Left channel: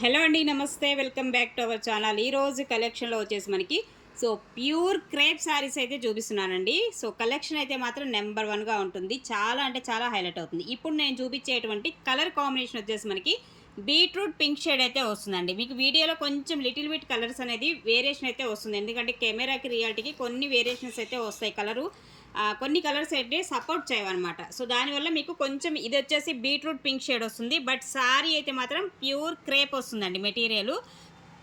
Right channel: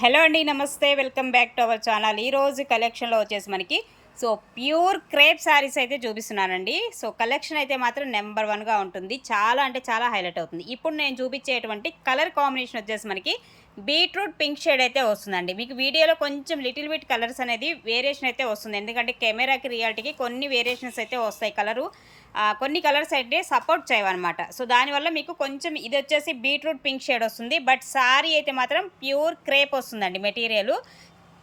Hello అండి, నమస్తే. Welcome back to our channel. ఈరోజు కలెక్షన్లో వచ్చేసి మనకి ప్యూర్ క్రేప్ శారీస్ అయితే చూపిస్తున్నానండి. కలెక్షన్ అయితే మాత్రం నెంబర్ వన్గా ఉంటుంది. చాలా అంటే చాలా హైలైట్ అవుతుంది. ఇప్పుడు నేను చూపించేటువంటి కలర్ కాంబినేషన్ వచ్చేసి మనకి బీట్రూట్ పింక్ షేడ్ అయితే వస్తుందండి. మీకు వీడియోలో కొంచెం లిటిల్ బిట్ కలర్స్ అనేది వేరియేషన్ అయితే వస్తుంది. ఎందుకంటే కెమెరాకి రియాలిటీకి కొన్ని వేరియేషన్స్ అయితే వస్తాయి కలరు. కొన్ని కలర్స్ అయితే సపోర్ట్ చేయవన్నమాట. దానివల్ల మీకు కొంచెం ఇది వచ్చేసి బీట్రూట్ పింక్ షేడ్ వస్తుంది. బట్ సారీ అయితే మాత్రం ప్యూర్ క్రేప్ వస్తుందండి. మెటీరియల్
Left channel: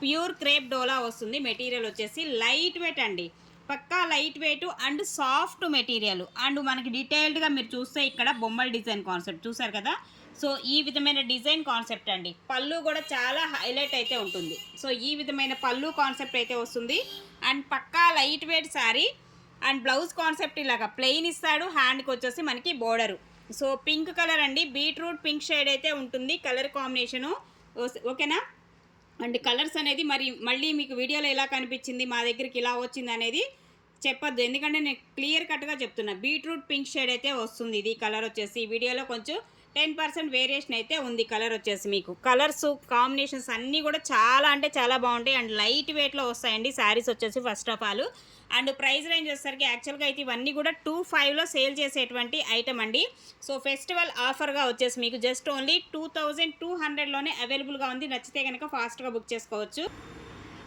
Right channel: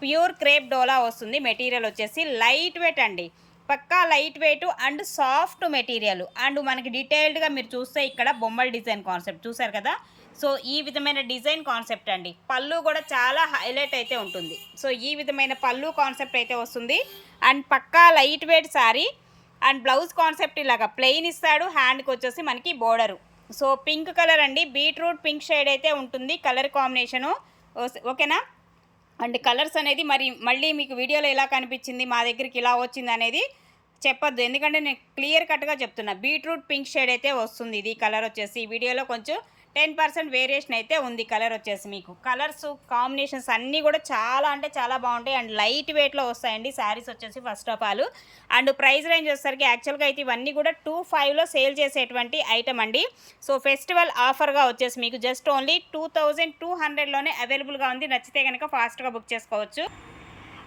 ప్యూర్ క్రేప్ డోలా వస్తుంది. మెటీరియల్ వచ్చేసి లైట్ వెయిట్ అండి. పక్కా light weight and soft material. And మనకి డీటెయిల్డ్గా మీరు చూస్తే ఇక్కడ బొమ్మల డిజైన్ కాన్సెప్ట్ చూసారు కదా. ఈ విధమైన డిజైన్ కాన్సెప్ట్ అండి. పళ్ళు కూడా చాలా హైలైట్ అయితే ఉంటుంది. ఈ విధమైన పళ్ళు కాన్సెప్ట్ అయితే వస్తుంది. అండ్ పక్కా light weight sari. And blouse concept ఇలాగా ప్లెయిన్ ఇస్తాడు. హ్యాండ్కి వచ్చేసి మనకి బోర్డరు. పింక్ కలర్ అండి. బీట్రూట్ పింక్ షేడ్ అయితే ఉంటుంది కలర్ కాంబినేషను. ఓకేనా. అండ్ కలర్స్ అనేది మళ్ళీ మీకు వీడియోలో ఎలా కనిపించింది, మా దగ్గరికి ఇలా వచ్చింది అనేది చెప్పొద్దు. ఎందుకంటే నేను క్లియర్ కట్గా చెప్తున్నా. బీట్రూట్ పింక్ షేడ్ అయితే వస్తుంది. ఇది కలర్ వచ్చేసి వీడియోలో కొంచెం 10% వేరియేషన్ అయితే ఉంది. కలర్ వచ్చేసి మీకు కలర్స్ కాంబినేషన్స్ అన్నీ కూడా చాలా అంటే చాలా బాగుంటాయి. అండ్ లైట్ వెయిట్లో వస్తాయండి శారీస్ వచ్చేసి first of all. And price range వచ్చేసరికి యాక్చువల్గా అయితే ఇవన్నీ కూడా 2,500లో సేల్ చేసేటువంటి ఐటమ్ అండి. ఫెస్టివల్ ఆఫర్గా వచ్చేసి మీకు జస్ట్ ఓన్లీ 2,200లోనే అవైలబుల్గా ఉంది. నచ్చితే కనుక ఫాస్ట్గా బుక్ చేసుకోవచ్చు.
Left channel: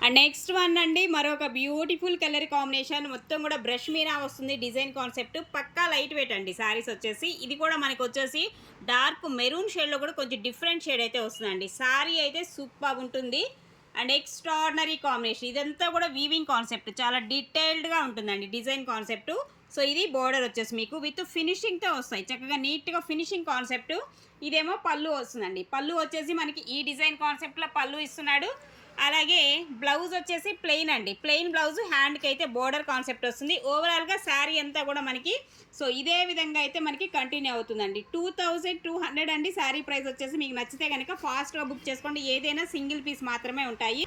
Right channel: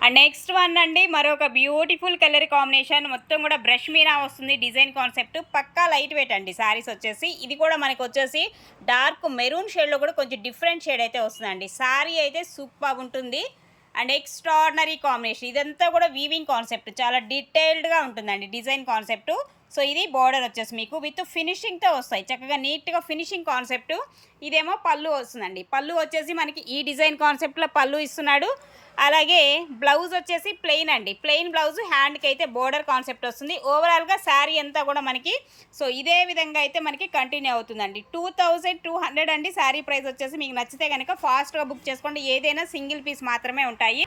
అండ్ నెక్స్ట్ వన్ అండి, మరొక బ్యూటిఫుల్ కలర్ కాంబినేషన్. మొత్తం కూడా బ్రష్ మీనా వస్తుంది. డిజైన్ కాన్సెప్ట్ పక్కా లైట్ వెయిట్ అండి శారీస్ వచ్చేసి. ఇది కూడా మనకు వచ్చేసి డార్క్ మెరూన్ షేడ్లో కూడా కొంచెం డిఫరెంట్ షేడ్ అయితే వస్తుందండి. శారీ అయితే సూపర్ ఉంటుంది. And extraordinary combination. ఇదంతా కూడా వీవింగ్ కాన్సెప్ట్ చాలా డీటెయిల్డ్గా ఉంటుందండి డిజైన్ కాన్సెప్ట్. ఇది బోర్డర్ వచ్చేసి మీకు విత్ ఫినిషింగ్తో వస్తాయి. చక్కగా నీట్గా ఫినిషింగ్ కాన్సెప్ట్. ఇదేమో పళ్ళు వస్తుందండి. పళ్ళు వచ్చేసి మనకి ఈ డిజైన్ కాన్సెప్ట్లో పళ్ళు ఇస్తున్నాడు. అలాగే బ్లౌజ్ వచ్చేసి ప్లెయిన్ అండి. ప్లెయిన్ బ్లౌజ్, హ్యాండ్కి అయితే బోర్డర్ కాన్సెప్ట్ వస్తుంది. ఓవరాల్గా శారీ అంతా కూడా మనకి ఇదే విధంగా అయితే మనకి కంటిన్యూ అవుతుందండి. 2,200 అండి శారీ ప్రైస్ వచ్చేసి. మీకు నచ్చితే కనుక ఫాస్ట్గా బుక్ చేసుకోండి. ఏదైనా సింగిల్ పీస్ మాత్రమే ఉంటాయి.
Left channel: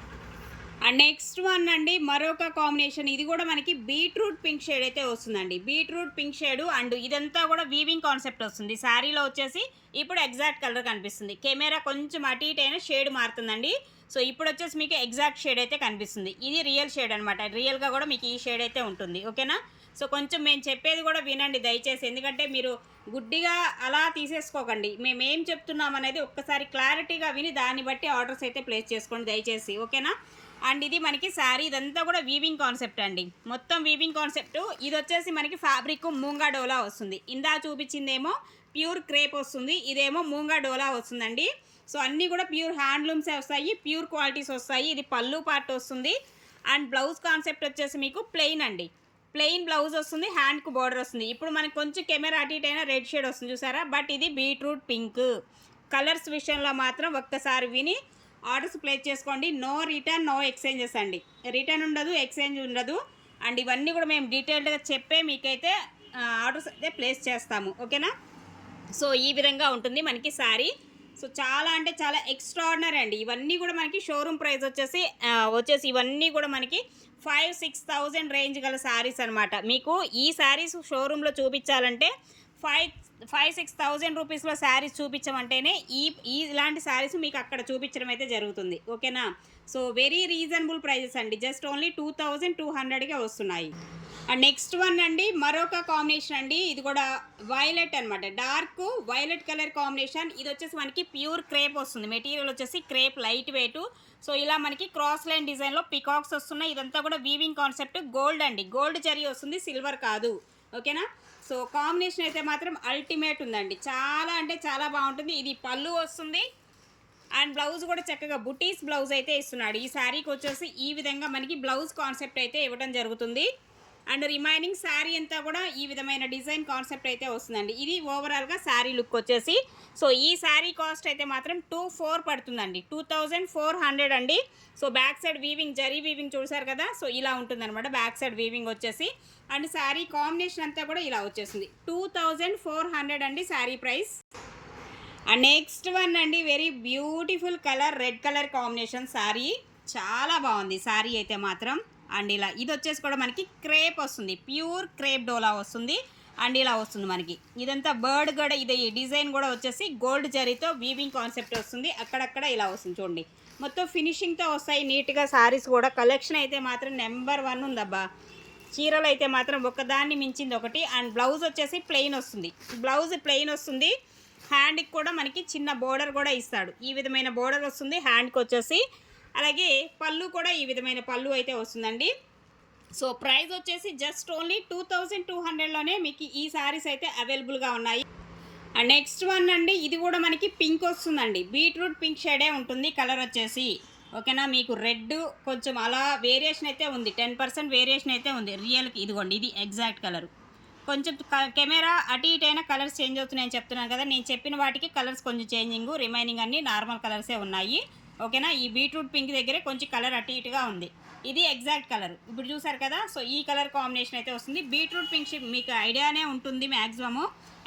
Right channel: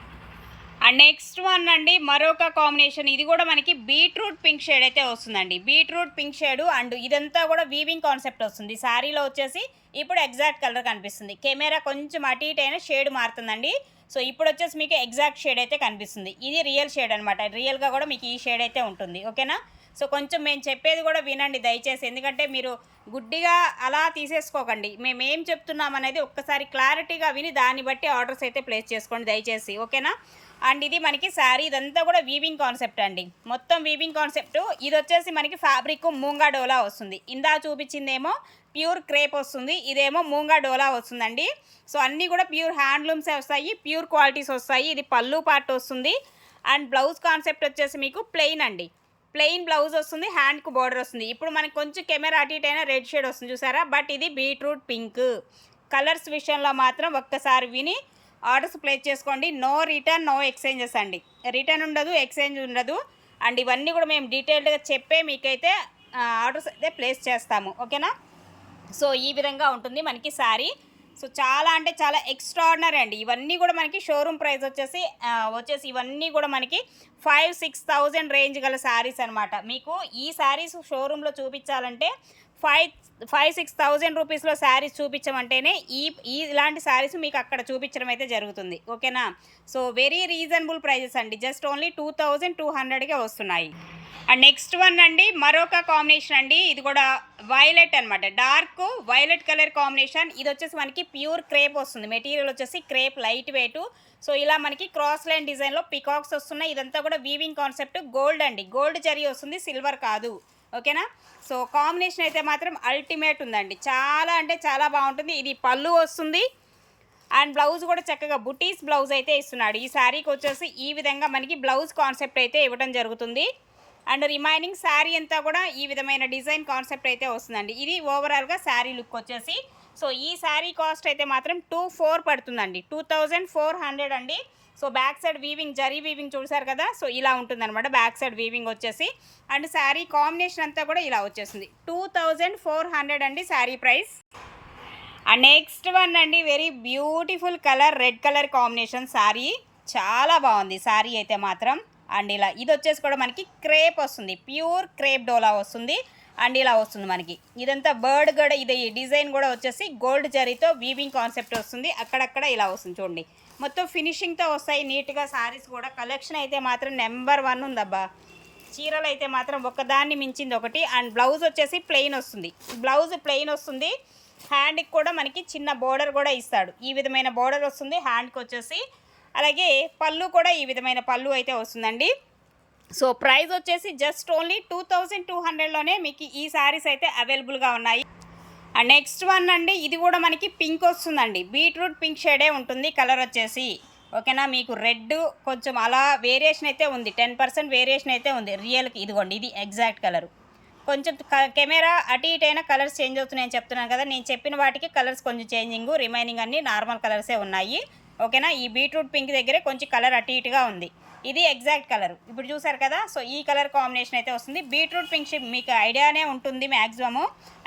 అండ్ నెక్స్ట్ వన్ అండి, మరొక కాంబినేషన్. ఇది కూడా మనకి బీట్రూట్ పింక్ షేడ్ అయితే వస్తుందండి. బీట్రూట్ పింక్ షేడ్ అండ్ ఇదంతా కూడా వీవింగ్ కాన్సెప్ట్ వస్తుంది. శారీలో వచ్చేసి ఇప్పుడు ఎగ్జాక్ట్ కలర్ కనిపిస్తుంది. కెమెరా కొంచెం అటు ఇటు అయినా షేడ్ మారుతుందండి. ఇప్పుడు వచ్చేసి మీకు ఎగ్జాక్ట్ షేడ్ అయితే కనిపిస్తుంది. ఇది రియల్ షేడ్ అనమాట. రియల్గా కూడా మీకు ఈ షేడ్ అయితే ఉంటుంది. ఓకేనా. కొంచెం మేము చెప్పేది కూడా వినండి దయచేసి. ఎందుకంటే మీరు గుడ్డిగా అలా తీసేసుకోకండి. మేము ఏం చెప్తున్నాం అనేది ఒక్కసారి క్లారిటీగా విని దాన్ని బట్టి ఆర్డర్స్ అయితే ప్లేస్ చేసుకోండి దయచేసి. ఓకేనా. అండ్ ఇది మనకి శారీ ఇదంతా కూడా వీవింగ్ కాన్సెప్ట్ అండి. మొత్తం వీవింగ్ కాన్సెప్ట్. ఇది వచ్చేసి మనకి ఫ్యాబ్రిక్ మూంగా డోలా వస్తుంది. ఇందా చూపించిందేమో ప్యూర్ క్రేప్ వస్తుంది. ఇదేమో మూంగా డోలా వస్తుందండి. అన్నీ కూడా ప్యూర్ హ్యాండ్లూమ్సే వస్తాయి. ప్యూర్ క్వాలిటీస్ వస్తాయి. ఇది పళ్ళు పార్ట్ వస్తుంది. అండ్ బ్లౌజ్ కాన్సెప్ట్ వచ్చేసి మీకు ప్లెయిన్ అండి. ప్లెయిన్ బ్లౌజ్ వస్తుంది. హ్యాండ్కు బోర్డర్ వస్తుంది. ఇప్పుడు మనకి కొంచెం కెమెరా అటు ఇటు అయినా రెడ్ షేడ్ వస్తుంది చూసారా. బట్ ఇది బీట్రూట్ పింక్. కలర్స్ విషయంలో మాత్రం ఒక్కసారి విని ఆర్డర్స్ ప్లేస్ చేసుకోండి. నో రిటర్న్, నో ఎక్స్చేంజెస్ అండి. రిటర్న్ ఉండదు, ఎక్స్చేంజ్ ఉండదు. అండ్ ఇవన్నీ కూడా మేము డీటెయిల్డ్గా చెప్పే మీకైతే ఆర్డర్స్ అయితే ప్లేస్ చేస్తాము. ఓకేనా. ఈ విధంగా ఉంటుంది మనకి శారీ. చాలా అంటే చాలా ఎక్స్ట్రాడినరీ అండి. ఇవన్నీ కూడా మనకి షోరూమ్ ప్రైస్ వచ్చేసి ఇవన్నీ కూడా మనకి 5,000-6,000 రేంజ్ గల శారీస్ అనమాట. మీకు ఈ శారీస్ షోరూంలో చూపించాలంటే 5,000-6,000 రూపీస్లో శారీస్ చూపించమంటేనే ఇలాంటి శారీస్ మీకు అక్కడ చూపించడం అయితే జరుగుతుంది. ఓకేనా. వెరీ రీజనబుల్ ప్రైజెస్ అండి. జస్ట్ ఓన్లీ 2,200కే వస్తున్నాయి. అండ్ నెక్స్ట్ వన్ అండి, మరొక కాంబినేషన్ అండి. ఇది కూడా వైలెట్ అనమాట. Dark violet colour combination. ఇది వచ్చేసి మనకి ప్యూర్ క్రేప్ వస్తుంది. మెటీరియల్ వచ్చేసి క్రేప్ లైట్ వెయిట్. ఇలా మనకి క్రాస్ లైన్ డిజైన్లో పికాక్స్ వస్తున్నాయి. ఇదంతా కూడా వీవింగ్ కాన్సెప్ట్. గోల్డ్ అండి. గోల్డ్ జరీ వస్తుంది, సిల్వర్ కాదు. ఓకేనా. కాంబినేషన్ అయితే మాత్రం అల్టిమేట్ ఉందండి. చాలా అంటే చాలా బాగుంటుంది. ఇది పళ్ళు వస్తుంది. అండ్ బ్లౌజ్ కూడా చక్కగా బుటీస్ బ్లౌజ్ అయితే ఇస్తున్నాడు. ఈ శారీకి వచ్చేసి ఈ విధంగా మనకి బ్లౌజ్ కాన్సెప్ట్ అయితే ఇవ్వడం జరుగుతుంది. అండ్ రిమైనింగ్ శారీ అంతా కూడా ఈ విధమైన డిజైన్ కాన్సెప్ట్ అయితే వస్తుందండి. ఇది ఓవరాల్గా శారీ లుక్ వచ్చేసి. ఈ శారీ కాస్ట్ అయితే మాత్రం 2,400 పడుతుందండి. 2,400 అండి. Back side weaving, zari weaving చూసారు కదా. ఇలా ఉంటుందన్నమాట బ్యాక్ సైడ్ వీవింగ్ వచ్చేసి. అండ్ శారీ కాంబినేషన్ అంతా కూడా ఇలా వచ్చేసింది. 2,400 అండి sari price. And next one అండి, very beautiful colour, red colour combination sari. చాలా బాగుంది శారీ అయితే మాత్రం. అండ్ ఇలా ఇది వచ్చేసి కూడా మనకి క్రేప్ వస్తుంది. ప్యూర్ క్రేప్ డోలా వస్తుంది. అండ్ ఇలా వస్తుంది మనకి. ఇదంతా బర్డ్ కూడా ఇది డిజైన్ కూడా వచ్చేసి గోల్డ్ జరీతో వీవింగ్ కాన్సెప్ట్ వస్తుంది. అక్కడక్కడ ఇలా వస్తుంది చూడండి. మొత్తం ఫినిషింగ్తో వస్తాయి నీట్గా సారీస్ కూడా. కలెక్షన్ అయితే మాత్రం నెంబర్ 1 ఉందబ్బా. చీరలు అయితే మాత్రం ఒకదాన్ని మించింది ఒకటి. అండ్ బ్లౌజ్ వచ్చేసి ప్లెయిన్ వస్తుంది. బ్లౌజ్ ప్లెయిన్ వస్తుంది. హ్యాండ్కి కూడా మనకి చిన్న బోర్డర్ కూడా ఇస్తాడు. ఈ విధమైన బోర్డర్ వస్తుంది హ్యాండ్కి వచ్చేసి. అలాగే పళ్ళు కూడా ఈ విధమైన పళ్ళు అయితే వస్తుందండి. సో ప్రైస్ వచ్చేసి జస్ట్ ఓన్లీ 2200లోనే మీకు ఈ శారీస్ అయితే అవైలబుల్గా ఉన్నాయి. అండ్ నెక్స్ట్ వన్ అండి, ఇది కూడా మనకి పింక్ వస్తుందండి. బీట్రూట్ పింక్ షేడే ఉంటుంది కలర్ వచ్చేసి. ఓకేనా, మీకు రెడ్ కొంచెం అలా వేరియేషన్ అయితే ఉంది. 10% వేరియేషన్ అయితే ఉంది రియల్కి. ఇదిగోండి, ఇది ఎగ్జాక్ట్ కలరు. కొంచెం కెమెరా అటు ఇటు అయినా కలర్స్ చేంజ్ అవుతున్నాయని చెప్తున్నాను కదా. నేను చెప్పిన వాటికి కలర్స్ కొంచెం చేంజింగ్, రిమైనింగ్ అన్నీ నార్మల్ కలర్సే ఉన్నాయి. ఓకేనా, ఈ బీట్రూట్ పింక్ దగ్గరే కొంచెం కలర్ అటు ఇటుగా ఉంది. ఇది ఎగ్జాక్ట్ కలర్ ఇప్పుడు చూసారు కదా. సో ఈ కలర్ కాంబినేషన్ అయితే వస్తుంది. బీట్రూట్ పింక్ మీకు ఐడియానే ఉంటుంది మ్యాక్సిమము.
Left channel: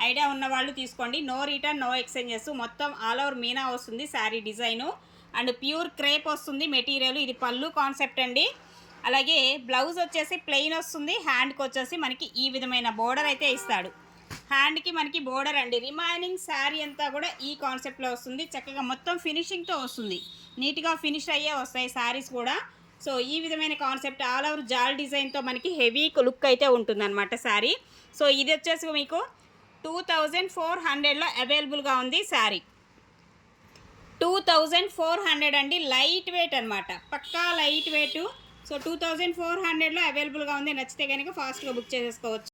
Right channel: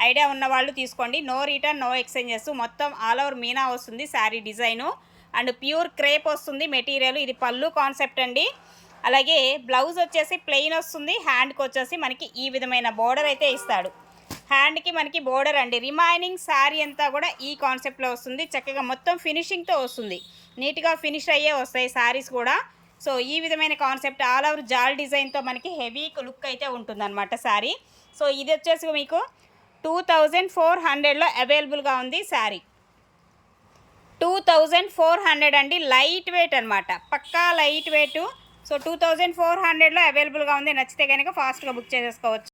ఐడియా ఉన్న వాళ్ళు తీసుకోండి. No return, no exchanges. మొత్తం ఆల్ ఓవర్ మీనా వస్తుంది sari design. And pure crepe వస్తుంది మెటీరియల్. ఇది పళ్ళు కాన్సెప్ట్ అండి. అలాగే బ్లౌజ్ వచ్చేసి ప్లెయిన్ వస్తుంది. హ్యాండ్కి వచ్చేసి మనకి ఈ విధమైన బోర్డర్ అయితే ఇస్తాడు. హ్యాండ్కి మనకి బోర్డర్ అండి. రిమైనింగ్ శారీ అంతా కూడా ఈ కాన్సెప్ట్లో వస్తుంది. చక్కగా మొత్తం ఫినిషింగ్తో వస్తుంది. నీట్గా ఫినిష్ అయ్యే వస్తాయి శారీస్ కూడా. సో ఈ విధమైన కాన్సెప్ట్ ఆల్ ఓవర్ జాల్ డిజైన్తో మనకి హెవీ లుక్ అయితే ఉంటుందన్నమాట శారీ. సో ఇది వచ్చేసి మీకు 2400లో అవైలబుల్గా ఉంది శారీ. 2400 అండి. లైట్ వెయిట్ అనమాట, పక్కా లైట్ వెయిట్. సో 2400లో అవైలబుల్గా ఉంది. నచ్చితే కనుక ఫాస్ట్గా బుక్ చేసేసుకోవచ్చు.